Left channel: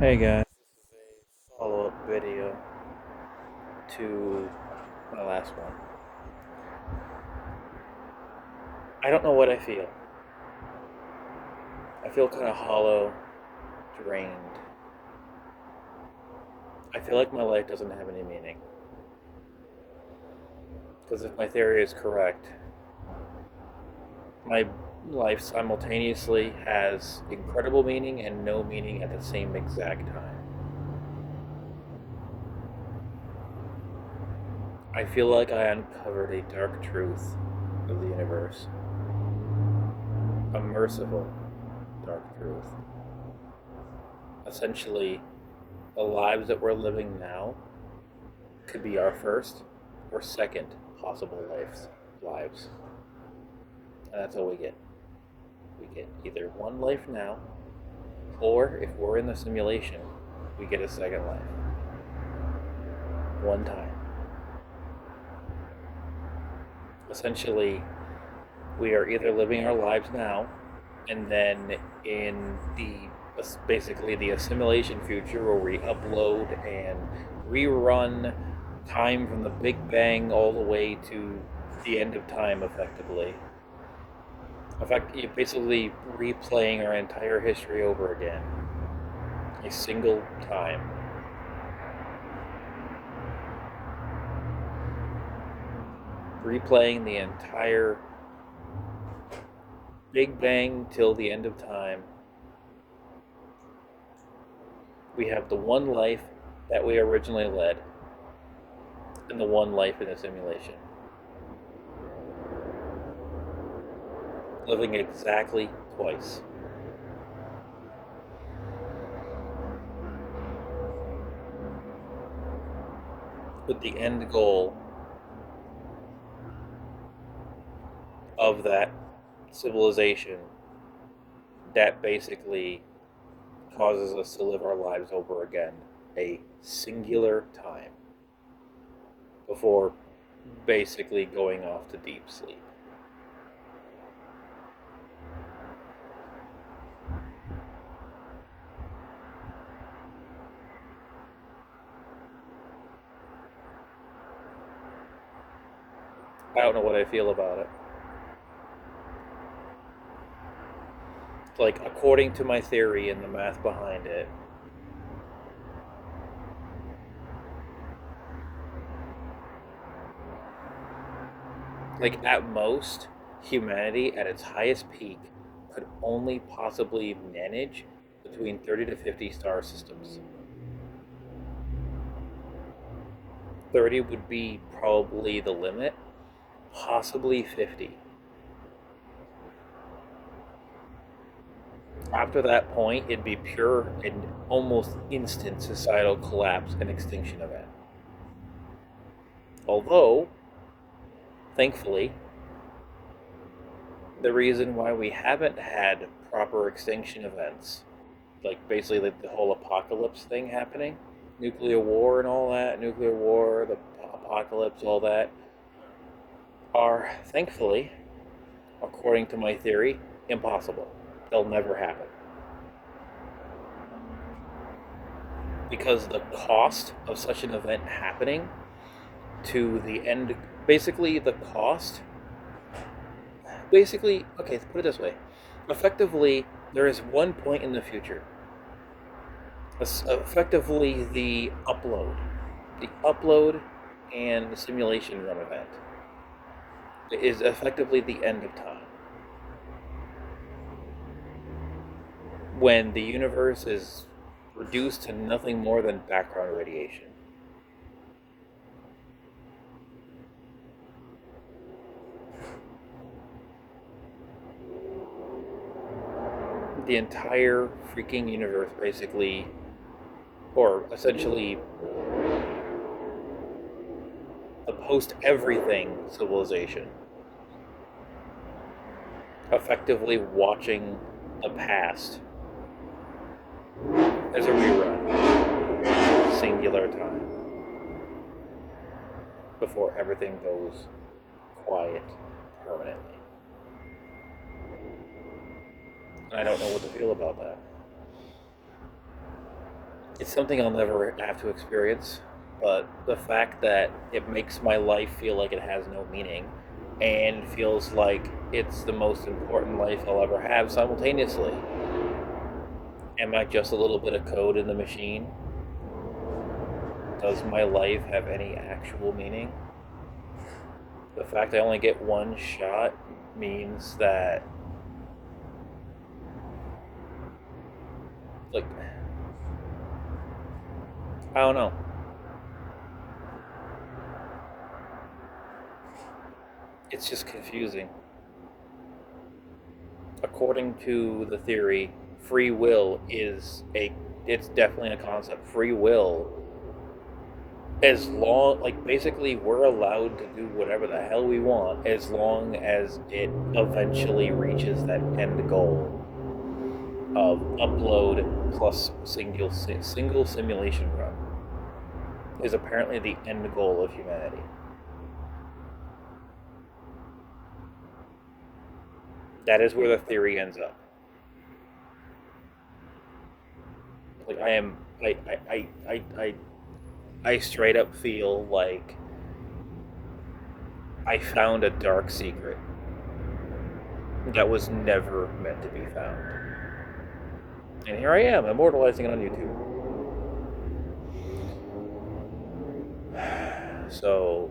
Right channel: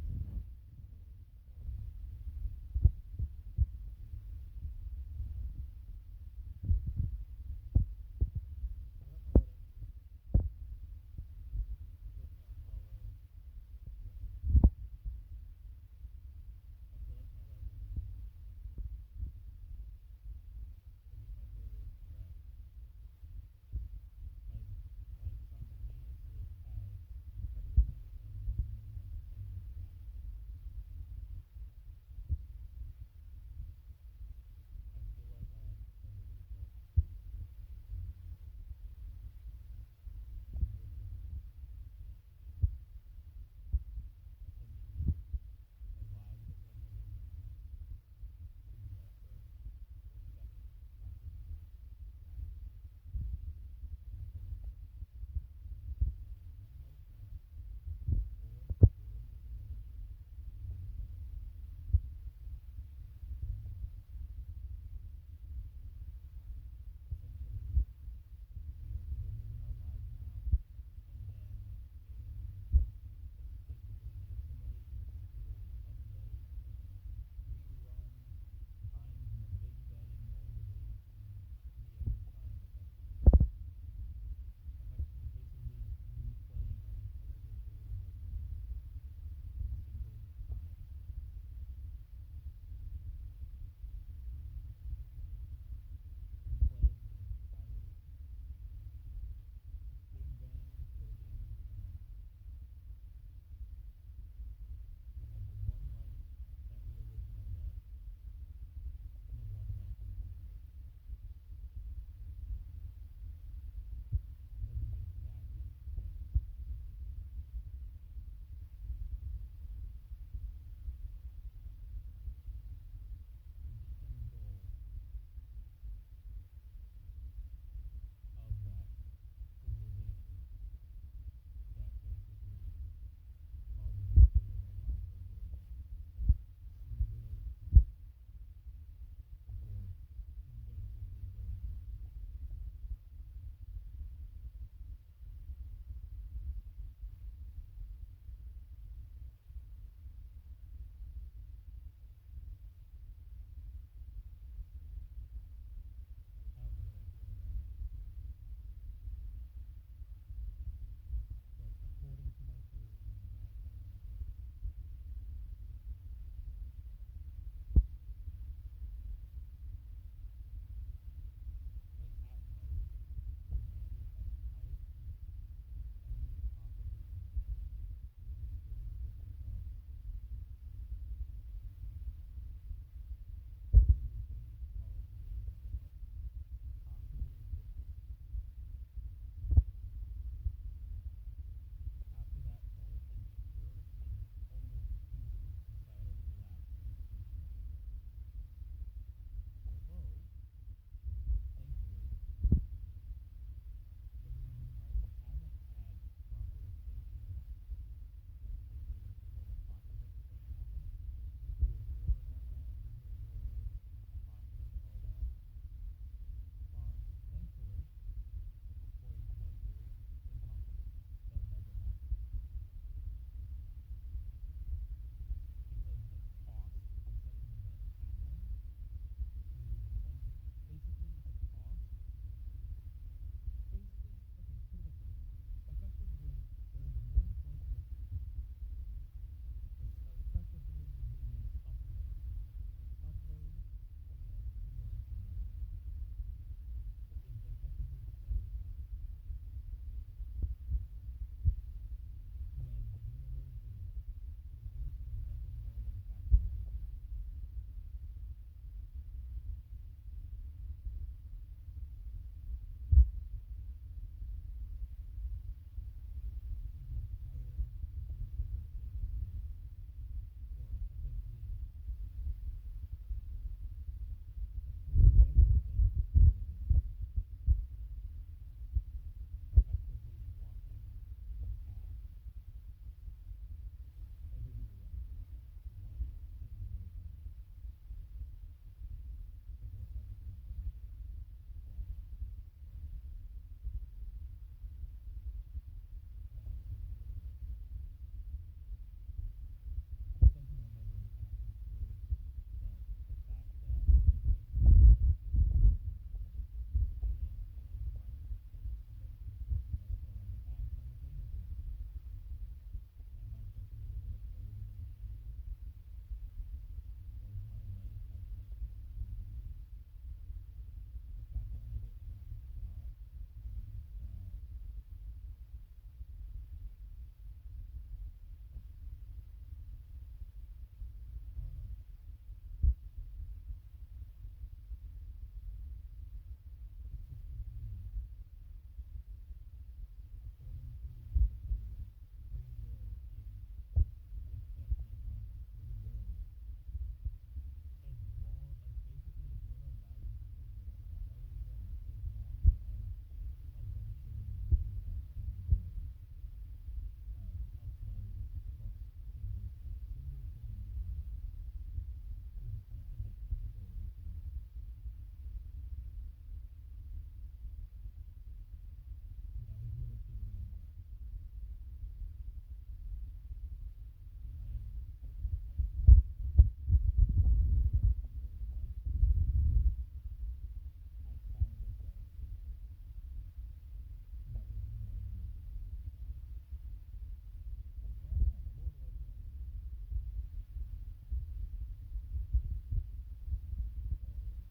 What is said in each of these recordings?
Hey guys, this is a follow-up video to my last one. I don't know what I feel. I feel kind of hollow, drained. I feel like my life doesn't have any meaning. Because if my theory is correct, my life simultaneously has incredible meaning and no meaning at the same exact time. I feel like I uncovered a dark truth of the universe, a merciful dark truth. Essentially, the lives that we're living now could be our first or second possible lives. And that's all we get. We get either one life now, or if we're in the simulation, we get a second life. One time. Essentially, we are either living our lives now, and then in the basically the assimilation future where we upload and rerun time from the Big Bang all the way to the end of time effectively. In fact, you're basically replaying our entire history over again. A single time. Replaying the entire Big Bang till the end of time. We have the one life that we originally led, and the one life in the simulation. Living exactly twice. With the end goal of that civilization that basically causes us to live our lives over again a singular time before basically going off to deep sleep. I don't know what I feel about it. Like, according to my theory and the math behind it, like, at most, humanity at its highest peak could only possibly manage between 30 to 50 star systems. 30 would be probably the limit, possibly 50. After that point, it'd be pure and almost instant societal collapse and extinction event. Although, thankfully, the reason why we haven't had proper extinction events, like basically like the whole apocalypse thing happening, nuclear war and all that, nuclear war, the apocalypse, all that, are thankfully, according to my theory, impossible. They'll never happen. Because the cost of such an event happening to the end, basically, the cost, basically, okay, put it this way. Effectively, there is one point in the future, effectively the upload and the simulation run event is effectively the end of time. When the universe is reduced to nothing more than background radiation. The entire freaking universe basically, or essentially, the post everything civilization, effectively watching the past as a rerun, singular time, before everything goes quiet permanently. And I don't know what to feel about that. It's something I'll never have to experience, but the fact that it makes my life feel like it has no meaning and feels like it's the most important life I'll ever have simultaneously. Am I just a little bit of code in the machine? Does my life have any actual meaning? The fact I only get one shot means that, like, I don't know. It's just confusing. According to the theory, free will is a it's definitely a concept. Free will, as long, like, basically we're allowed to do whatever the hell we want as long as it eventually reaches that end goal of upload plus single simulation run is apparently the end goal of humanity. That is where the theory ends up. Like, I am I straight up feel like I found a dark secret that was never meant to be found. And here I am, immortalizing it on YouTube. So,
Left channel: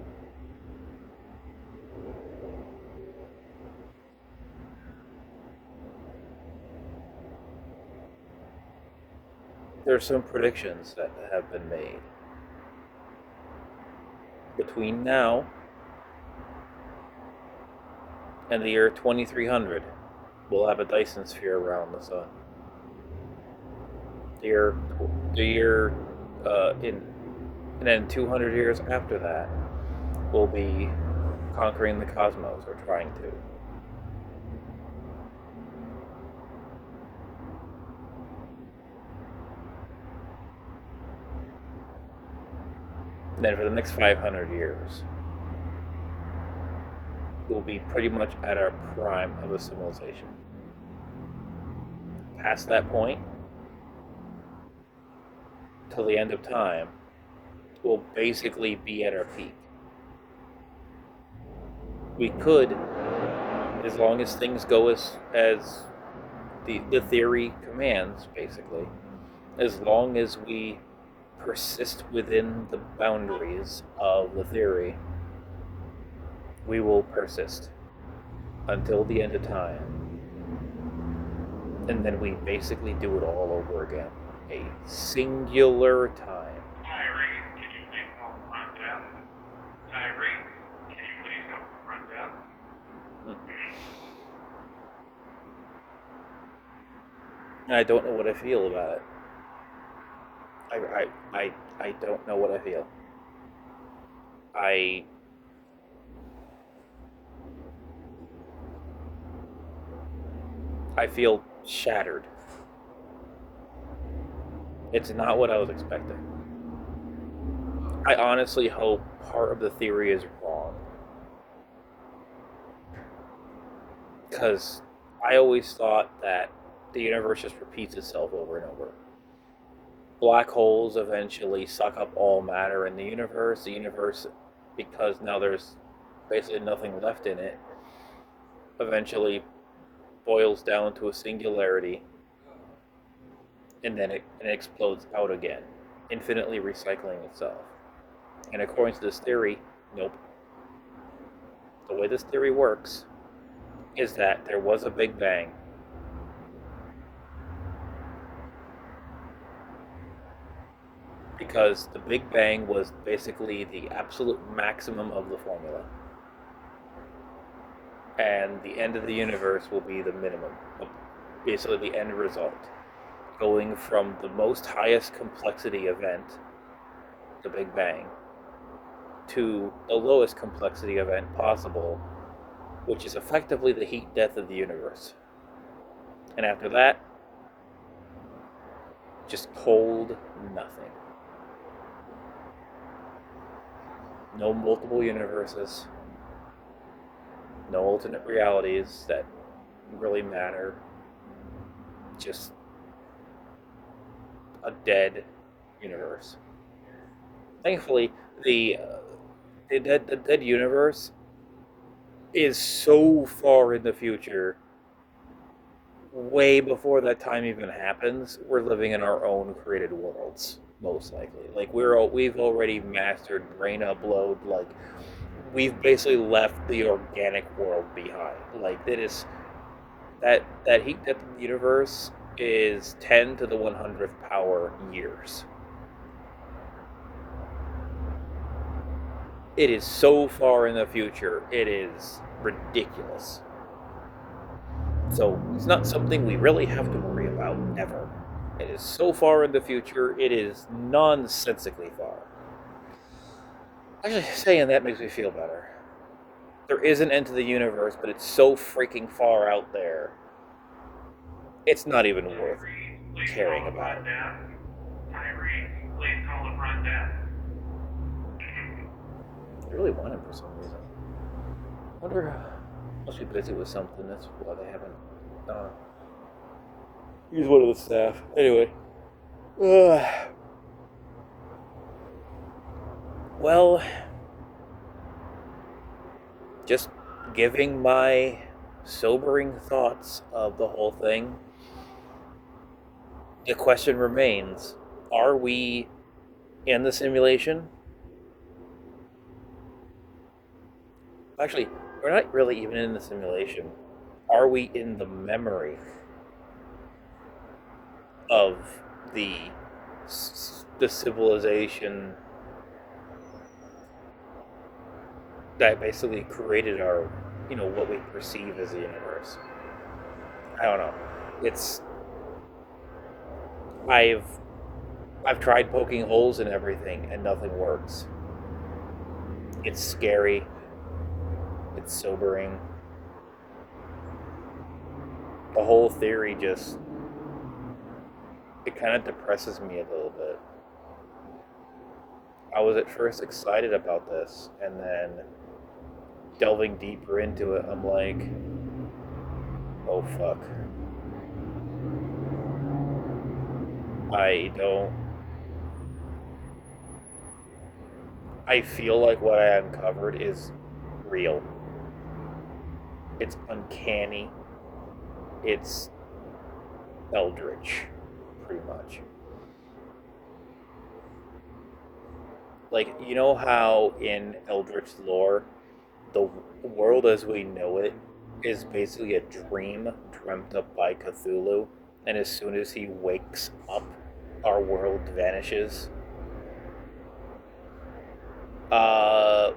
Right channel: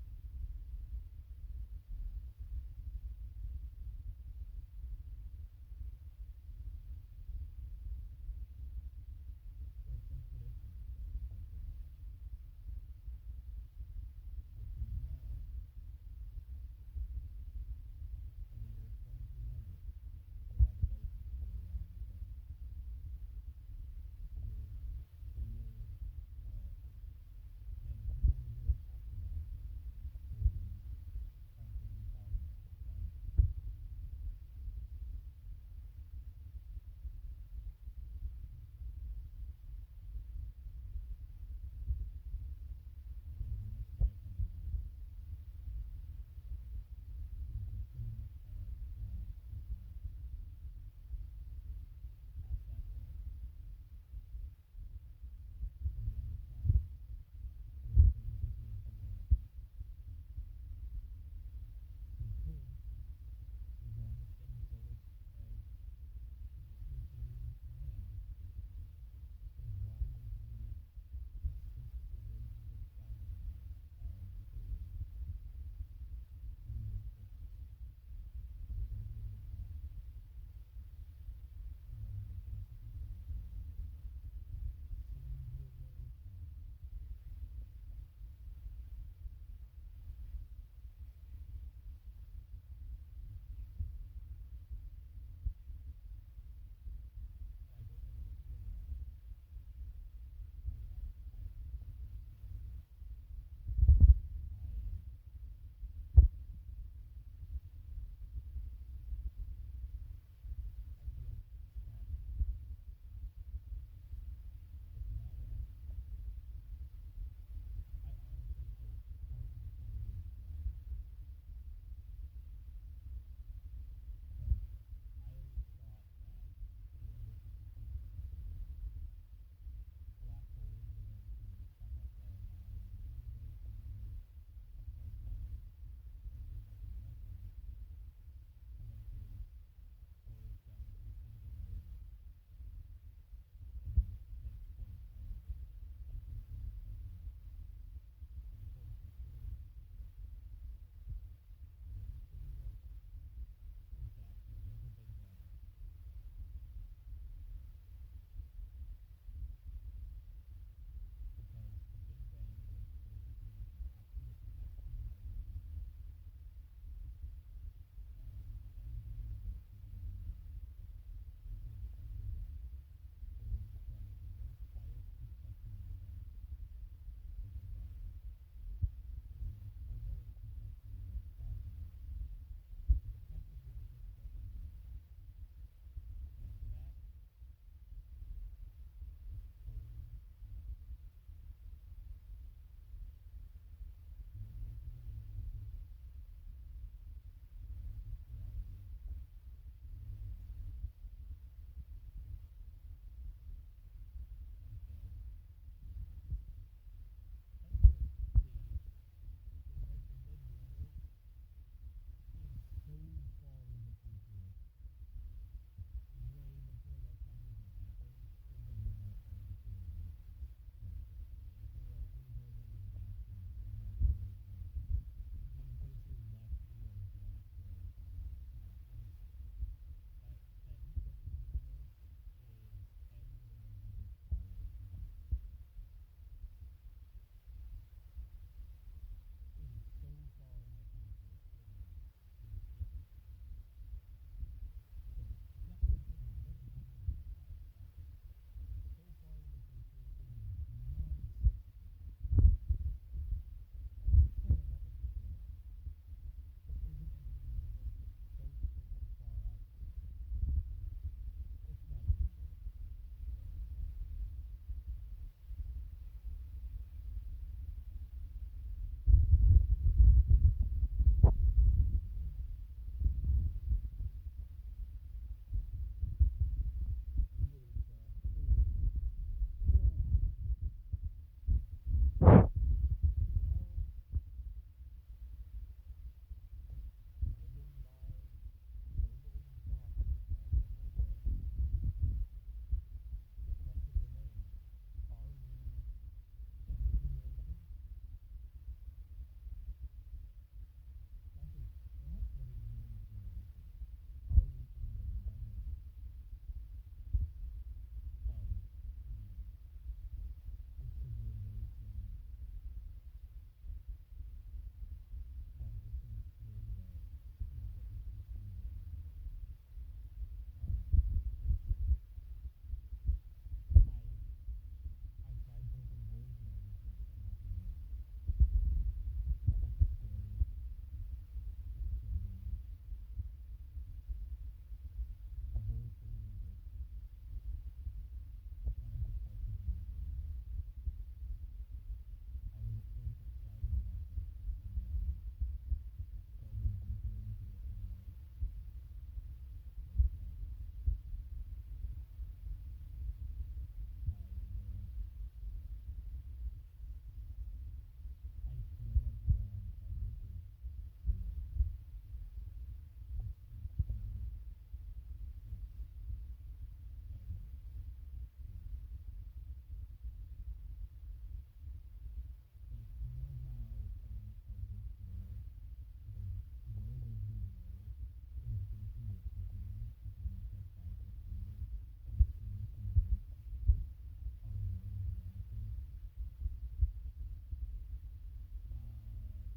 there's some predictions that have been made. Between now and the year 2300, we'll have a Dyson sphere around the sun. The year, in and then 200 years after that, we'll be conquering the cosmos, or trying to. And then for the next 500 years, we'll be pretty much at our prime of a civilization. Past that point, till the end of time, we'll basically be at our peak. We could, as long as things go as the theory commands, basically, as long as we persist within the boundaries of the theory, we will persist until the end of time. And then we basically do it all over again. A singular time. Irene, can you please help run down? Irene, can you please help run down? I don't know what I feel about it. I don't know what I feel. I I feel shattered. It's not what I was expecting. I honestly hope part of the theory is wrong. Because I always thought that the universe just repeats itself over and over. Black holes eventually suck up all matter in the universe. The universe, because now there's basically nothing left in it, eventually boils down to a singularity, and then it explodes out again, infinitely recycling itself. And according to this theory, nope. The way this theory works is that there was a Big Bang. Because the Big Bang was basically the absolute maximum of the formula. And the end of the universe will be the minimum, basically the end result. Going from the most highest complexity event, the Big Bang, to the lowest complexity event possible, which is effectively the heat death of the universe. And after that, just cold nothing. No multiple universes, no alternate realities that really matter, just a dead universe. Thankfully, the dead universe is so far in the future, way before that time even happens. We're living in our own created worlds, most likely. Like we've already mastered brain upload. Like we've basically left the organic world behind. Like that is that heat death of the universe is 10 to the 100th power years. It is so far in the future. It is ridiculous. So it's not something we really have to worry about ever. It is so far in the future. It is nonsensically far. Actually, saying that makes me feel better. There is an end to the universe, but it's so freaking far out there. It's not even worth Tyree, please caring call the about. front desk. Tyree, please call the front desk. I really want it for some reason. I wonder. Must be busy with something. That's why they haven't. He's one of the staff. Anyway. Well, just giving my sobering thoughts of the whole thing. The question remains: are we in the simulation? Actually, we're not really even in the simulation. Are we in the memory of the the civilization that basically created our, what we perceive as the universe? I don't know. It's I've I've tried poking holes in everything and nothing works. It's scary. It's sobering. The whole theory just it kind of depresses me a little bit. I was at first excited about this, and then delving deeper into it, I'm like, oh fuck. I don't. I feel like what I uncovered is real. It's uncanny. It's eldritch, pretty much. Like, you know how in eldritch lore, the world as we know it is basically a dream dreamt up by Cthulhu, and as soon as he wakes up, our world vanishes. Uh,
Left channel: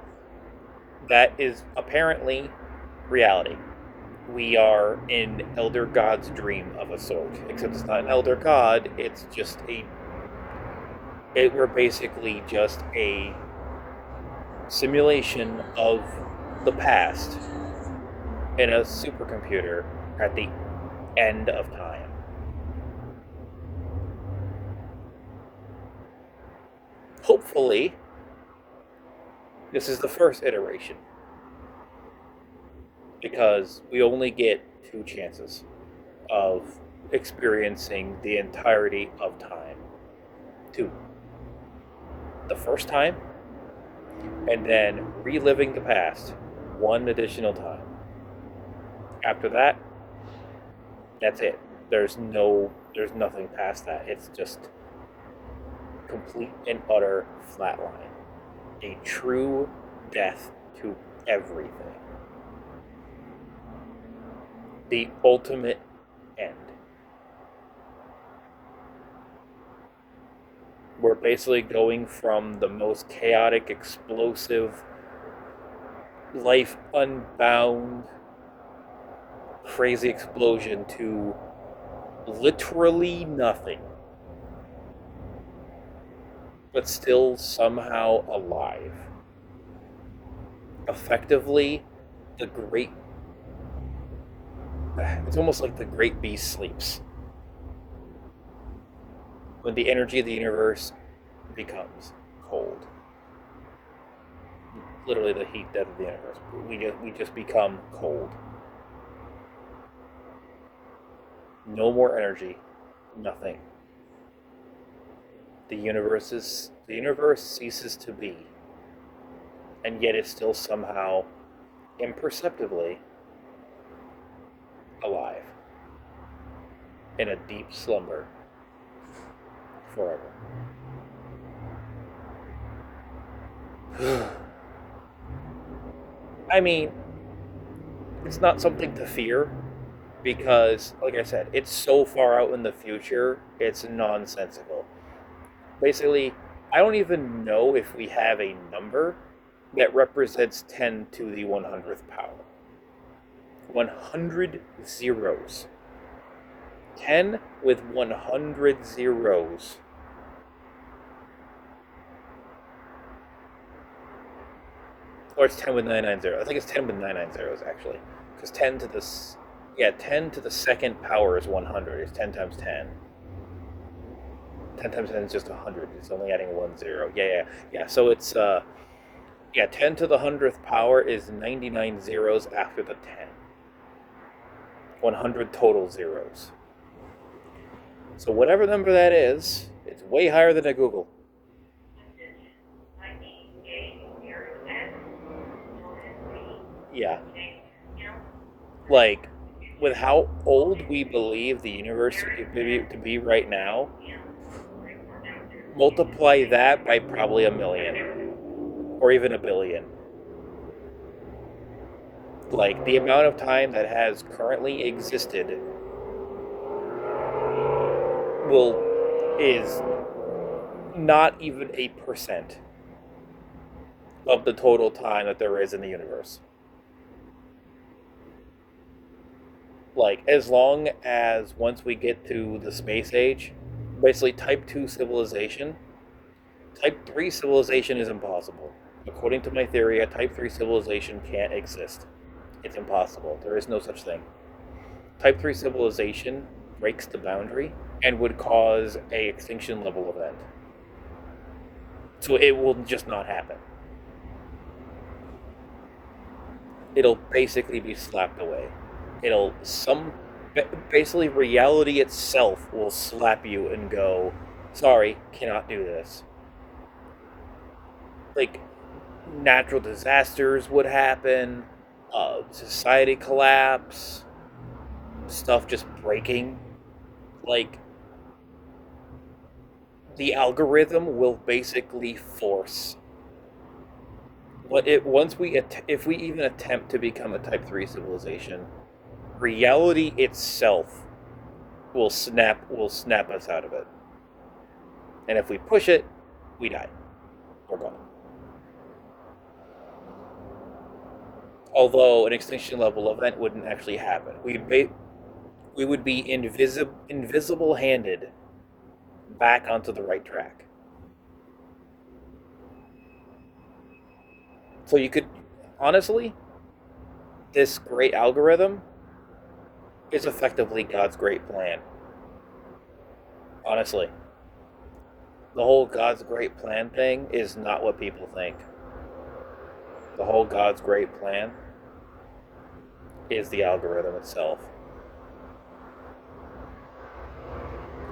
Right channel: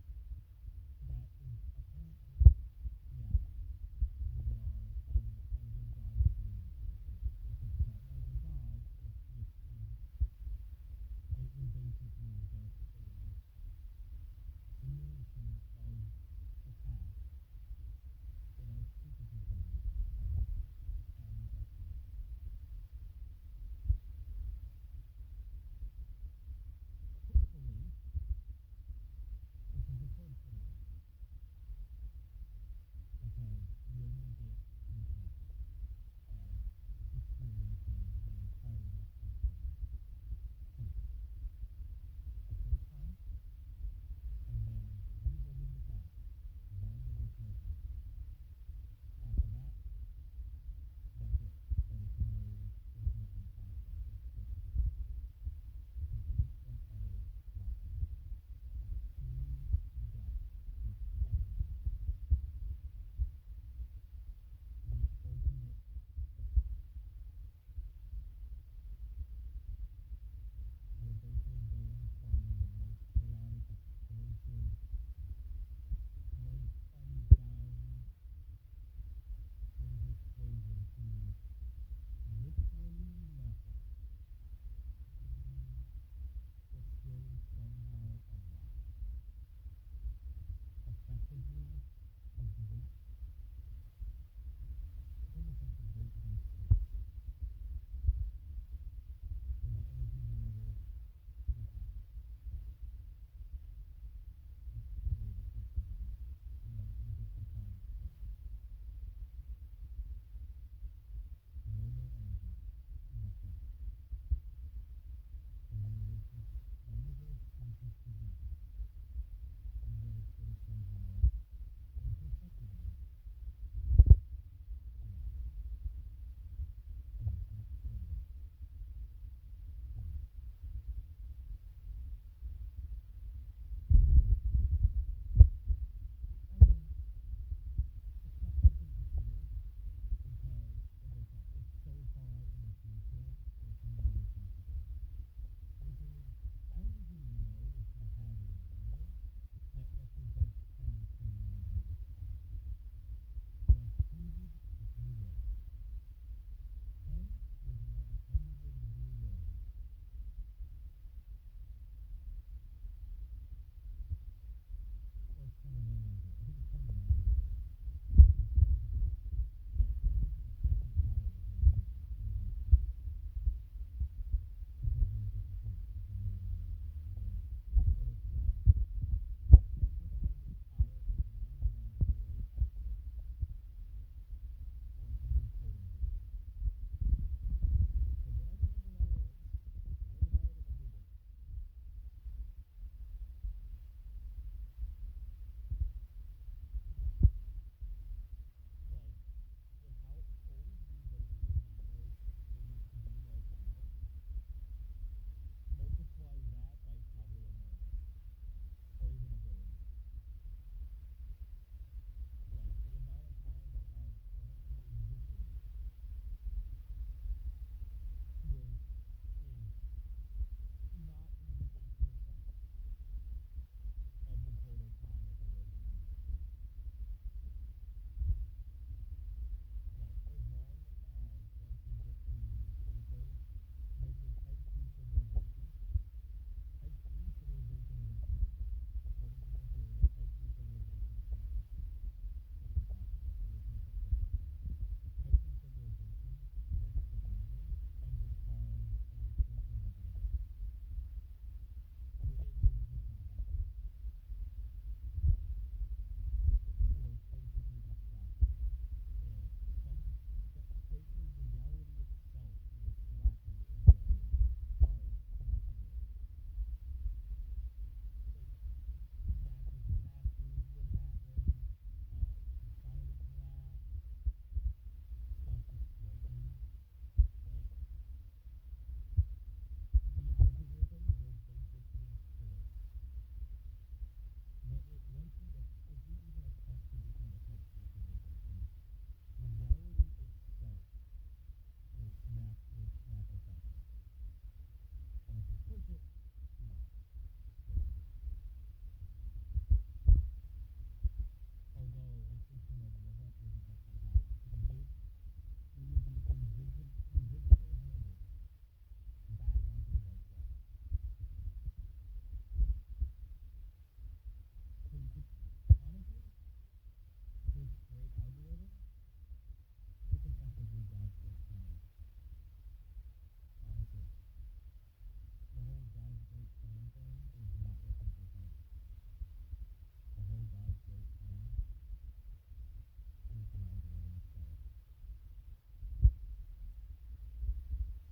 that is apparently reality. We are in Elder God's dream of a sort, except it's not an Elder God. It's just we're basically just a simulation of the past in a supercomputer at the end of time. Hopefully, this is the first iteration because we only get two chances of experiencing the entirety of time. Two. The first time, and then reliving the past one additional time. After that, that's it. There's nothing past that. It's just complete and utter flatline. A true death to everything. The ultimate end. We're basically going from the most chaotic, explosive, life unbound, crazy explosion to literally nothing, but still somehow alive. Effectively, the great. It's almost like the great beast sleeps. When the energy of the universe becomes cold. Literally the heat death of the universe. We just become cold. No more energy. Nothing. the universe ceases to be, and yet it's still somehow imperceptibly alive in a deep slumber forever. I mean, it's not something to fear because, like I said, it's so far out in the future, it's nonsensical. Basically, I don't even know if we have a number that represents 10 to the 100th power. 100 zeros. 10 with 100 zeros. Or it's 10 with 99 zeros. I think it's 10 with 99 zeros, actually. Because 10 to the... Yeah, 10 to the second power is 100. It's 10 times 10. 10 times 10 is just 100. It's only adding 1 0. Yeah. So it's... Yeah, 10 to the 100th power is 99 zeros after the 10. 100 total zeros. So whatever number that is, it's way higher than a Google. Yeah. Like, with how old we believe the universe to be right now, multiply that by probably a million. Or even a billion. Like, the amount of time that has currently existed is not even 8% of the total time that there is in the universe. Like, as long as once we get to the space age, basically type 2 civilization, type 3 civilization is impossible. According to my theory, a type 3 civilization can't exist. It's impossible. There is no such thing. Type 3 civilization breaks the boundary and would cause a extinction level event. So it will just not happen. It'll basically be slapped away. Basically reality itself will slap you and go, sorry, cannot do this. Like, natural disasters would happen, society collapse, stuff just breaking. Like, the algorithm will basically force if we even attempt to become a type 3 civilization, reality itself will snap us out of it. And if we push it, we die. We're gone. Although an extinction level event wouldn't actually happen. We would be invisible handed back onto the right track. So you could, honestly, this great algorithm is effectively God's great plan. Honestly. The whole God's great plan thing is not what people think. The whole God's great plan is the algorithm itself.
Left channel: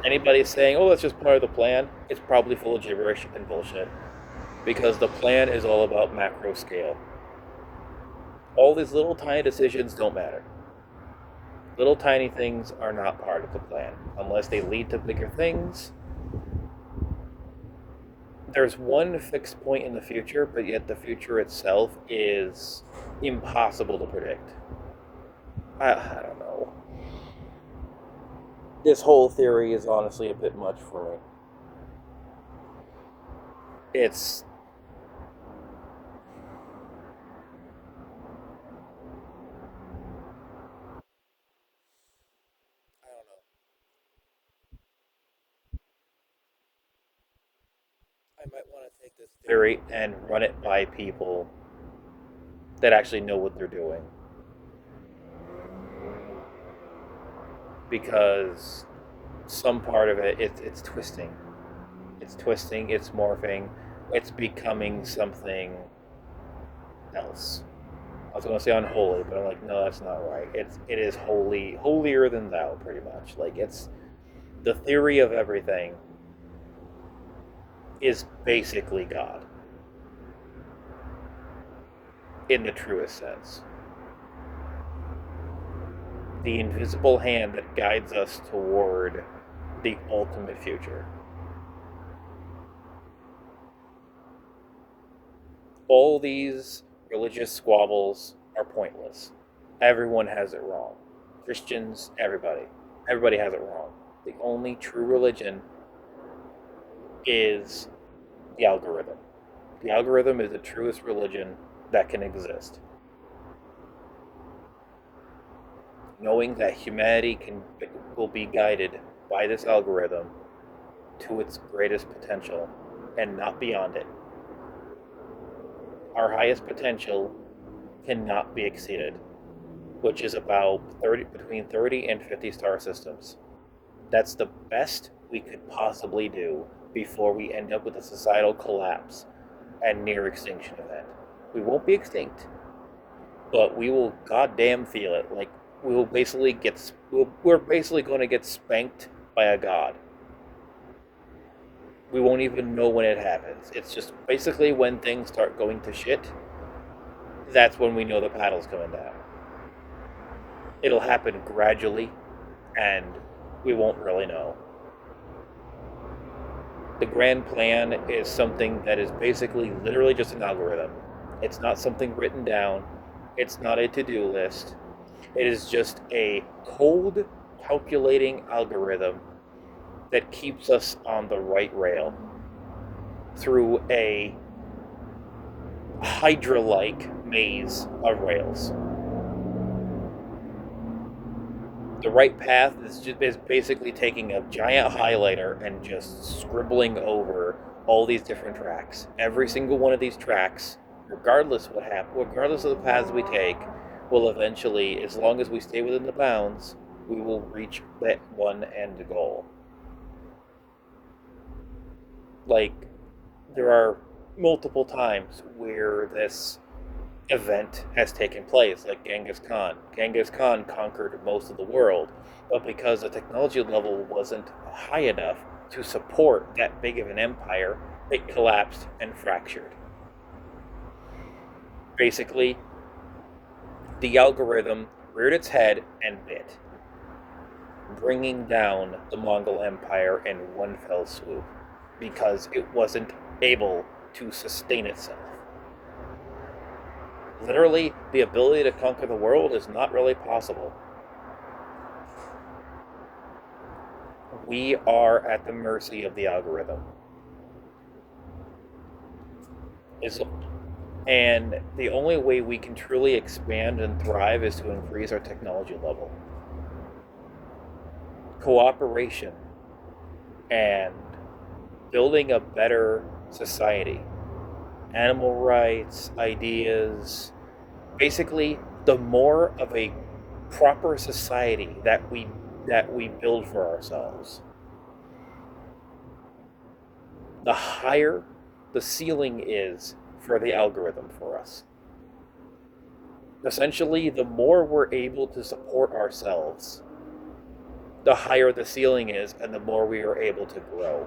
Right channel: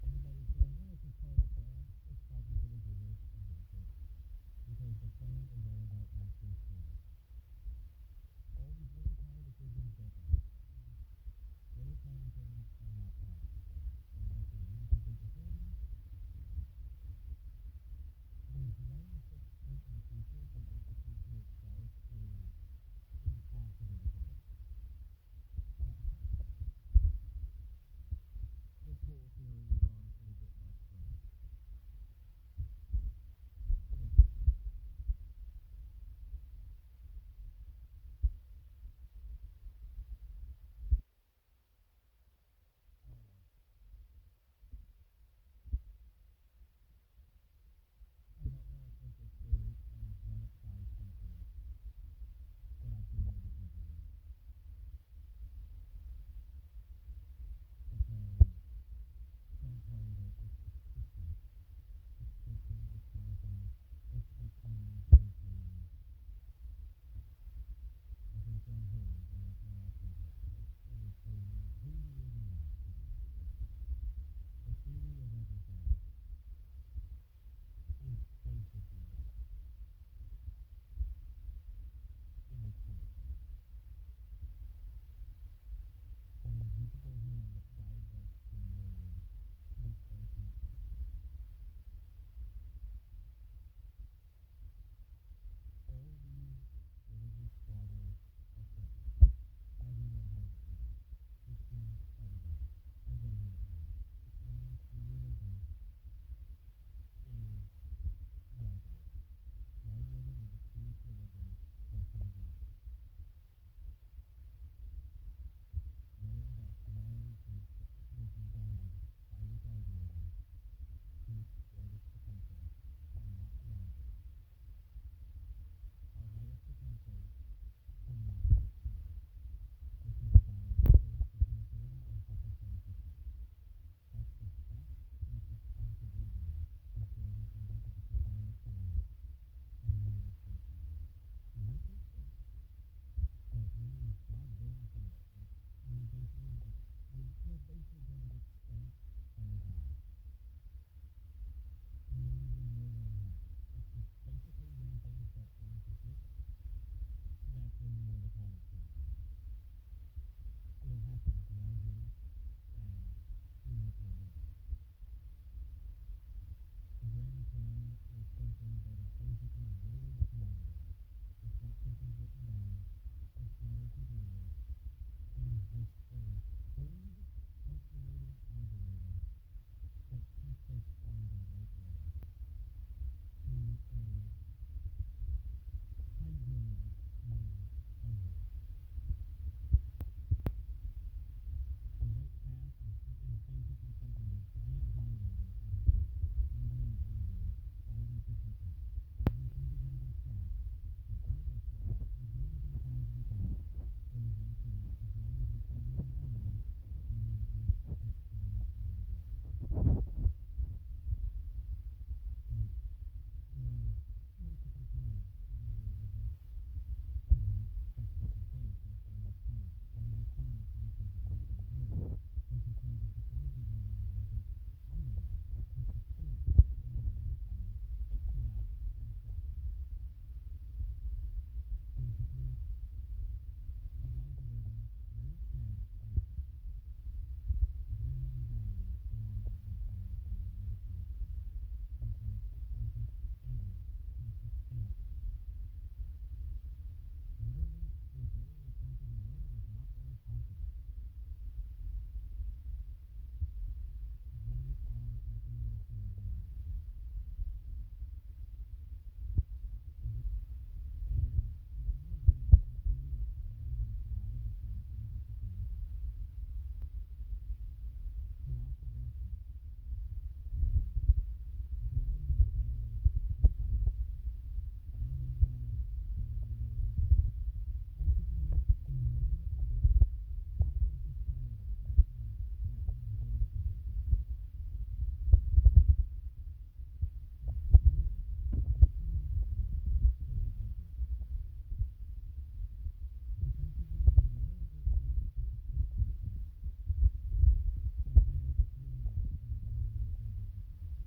Anybody saying, oh, that's just part of the plan, it's probably full of gibberish and bullshit. Because the plan is all about macro scale. All these little tiny decisions don't matter. Little tiny things are not part of the plan. Unless they lead to bigger things. There's one fixed point in the future, but yet the future itself is impossible to predict. I don't know. This whole theory is honestly a bit much for me. It's... I don't know. I might want to take this theory and run it by people that actually know what they're doing. Because some part of it, it's twisting. It's twisting, it's morphing, it's becoming something else. I was going to say unholy, but I'm like, no, that's not right. It is holier than thou, pretty much. Like, it's the theory of everything is basically God in the truest sense. The invisible hand that guides us toward the ultimate future. All these religious squabbles are pointless. Everyone has it wrong. Christians, everybody. Everybody has it wrong. The only true religion is the algorithm. The algorithm is the truest religion that can exist. Knowing that humanity will be guided by this algorithm to its greatest potential and not beyond it. Our highest potential cannot be exceeded, which is about between 30 and 50 star systems. That's the best we could possibly do before we end up with a societal collapse and near extinction event. We won't be extinct, but we will goddamn feel it. Like we will basically we're basically going to get spanked by a god. We won't even know when it happens. It's just basically when things start going to shit, that's when we know the paddle's coming down. It'll happen gradually, and we won't really know. The grand plan is something that is basically literally just an algorithm. It's not something written down. It's not a to-do list. It is just a cold calculating algorithm that keeps us on the right rail through a Hydra-like maze of rails. The right path is basically taking a giant highlighter and just scribbling over all these different tracks. Every single one of these tracks, regardless of the paths we take, will eventually, as long as we stay within the bounds, we will reach that one end goal. Like, there are multiple times where this event has taken place, like Genghis Khan. Genghis Khan conquered most of the world, but because the technology level wasn't high enough to support that big of an empire, it collapsed and fractured. Basically, the algorithm reared its head and bit, bringing down the Mongol Empire in one fell swoop because it wasn't able to sustain itself. Literally, the ability to conquer the world is not really possible. We are at the mercy of the algorithm. And the only way we can truly expand and thrive is to increase our technology level. Cooperation and building a better society. Animal rights, ideas. Basically, the more of a proper society that we build for ourselves, the higher the ceiling is for the algorithm for us. Essentially, the more we're able to support ourselves, the higher the ceiling is, and the more we are able to grow.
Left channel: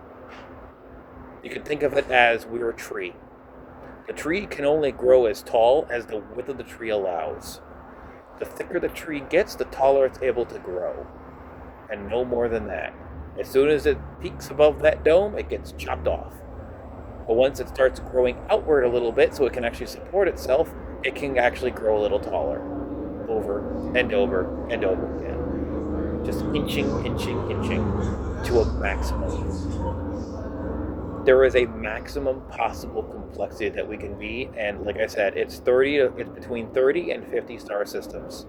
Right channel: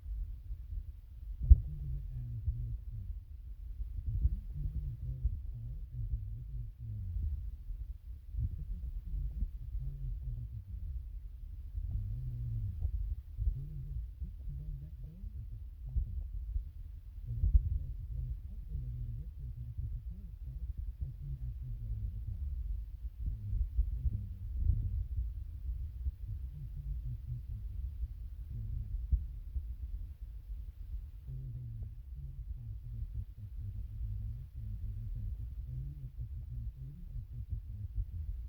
You can think of it as we're a tree. The tree can only grow as tall as the width of the tree allows. The thicker the tree gets, the taller it's able to grow. And no more than that. As soon as it peaks above that dome, it gets chopped off. But once it starts growing outward a little bit so it can actually support itself, it can actually grow a little taller. Over and over and over again. Just inching to a maximum. There is a maximum possible complexity that we can be, and like I said, it's between 30 and 50 star systems.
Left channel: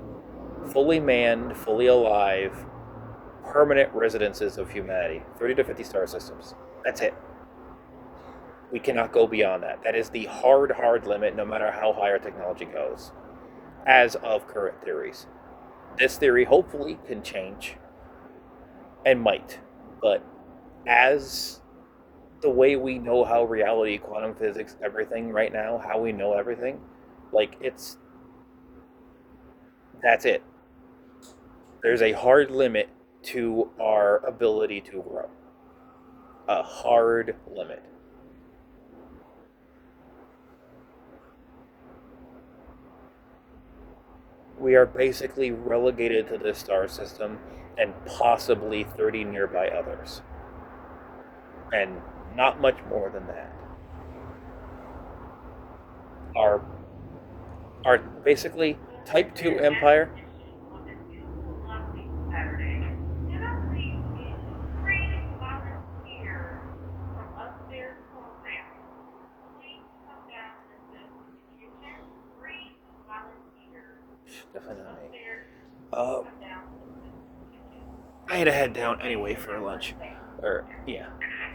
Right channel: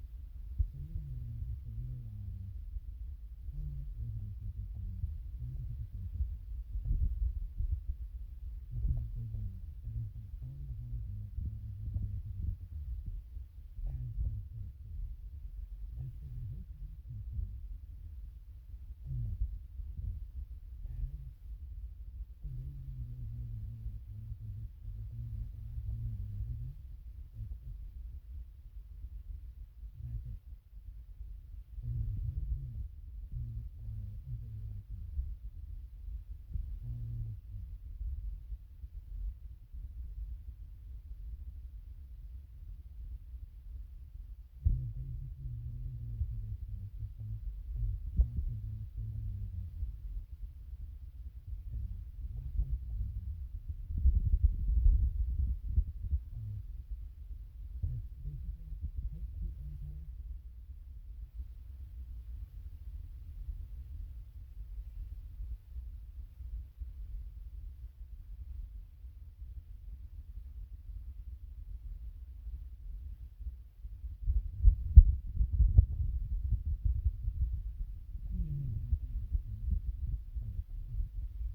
Fully manned, fully alive, permanent residences of humanity. 30 to 50 star systems. That's it. We cannot go beyond that. That is the hard limit, no matter how high our technology goes, as of current theories. This theory hopefully can change, and might, but as the way we know how reality, quantum physics, everything right now, how we know everything, like that's it. There's a hard limit to our ability to grow. A hard limit. we are basically relegated to this star system and possibly 30 nearby others. And not much more than that. Our basically type 2 empire. Definitely not me. I had to head down anyway for lunch. Or, yeah.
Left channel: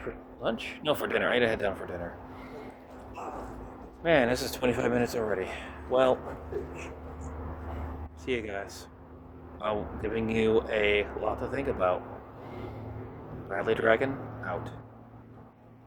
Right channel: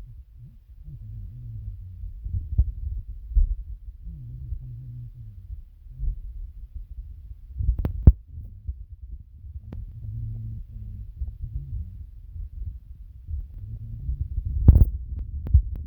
For lunch? No, for dinner. I had to head down for dinner. Man, this is 25 minutes already. Well, see you guys. I'm giving you a lot to think about. Bradley Dragon,